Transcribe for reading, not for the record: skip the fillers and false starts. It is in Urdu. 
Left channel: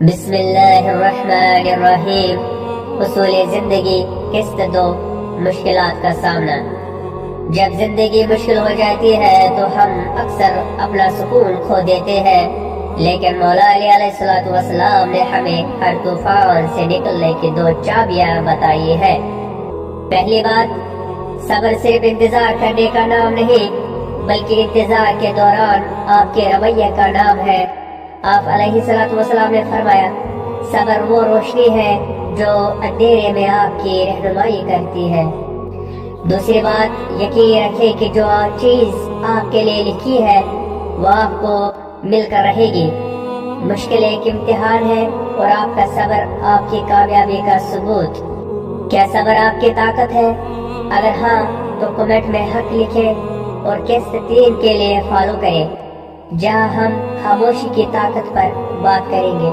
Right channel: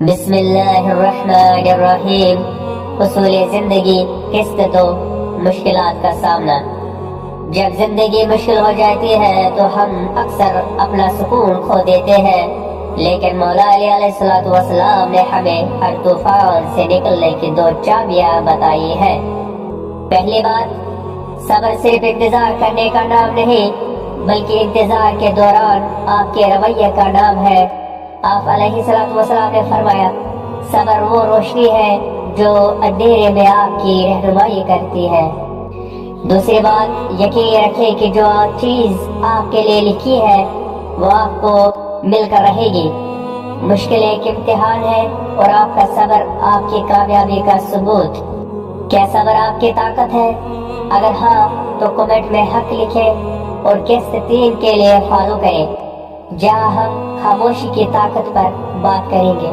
بسم اللہ الرحمن الرحیم۔ اصول زندگی، قسط دو، مشکلات کا سامنا۔ جب زندگی مشکل ہو جاتی ہے تو ہم اکثر اپنا سکون کھو دیتے ہیں، لیکن مولا علی علیہ السلام نے ہمیں ہر طوفان سے نکلنے کی دو چابیاں بتائی ہے۔ پہلی بات، صبر صرف انتظار کرنے کا نام نہیں بلکہ انتظار کے دوران آپ کے رویے کا نام ہے۔ آپ علیہ السلام نے فرمایا، صبر وہ روشنی ہے جو اندھیرے میں آپ کی رہنمائی کرتی ہے۔ دوسری بات، یقین رکھیں کہ جو چیز آپ کے لیے لکھی ہے وہ آپ کو مل کر رہے گی۔ مشکل ایک امتحان ہے اور آپ کا صبر آپ کی کامیابی کا ثبوت۔ کیا صبر آپ کی طاقت ہے؟ اگر ہاں تو کمنٹ میں حق لکھیں اور قسط 3 کے لیے فالو کریں، جہاں ہم خاموشی کی طاقت پر بات کریں گے۔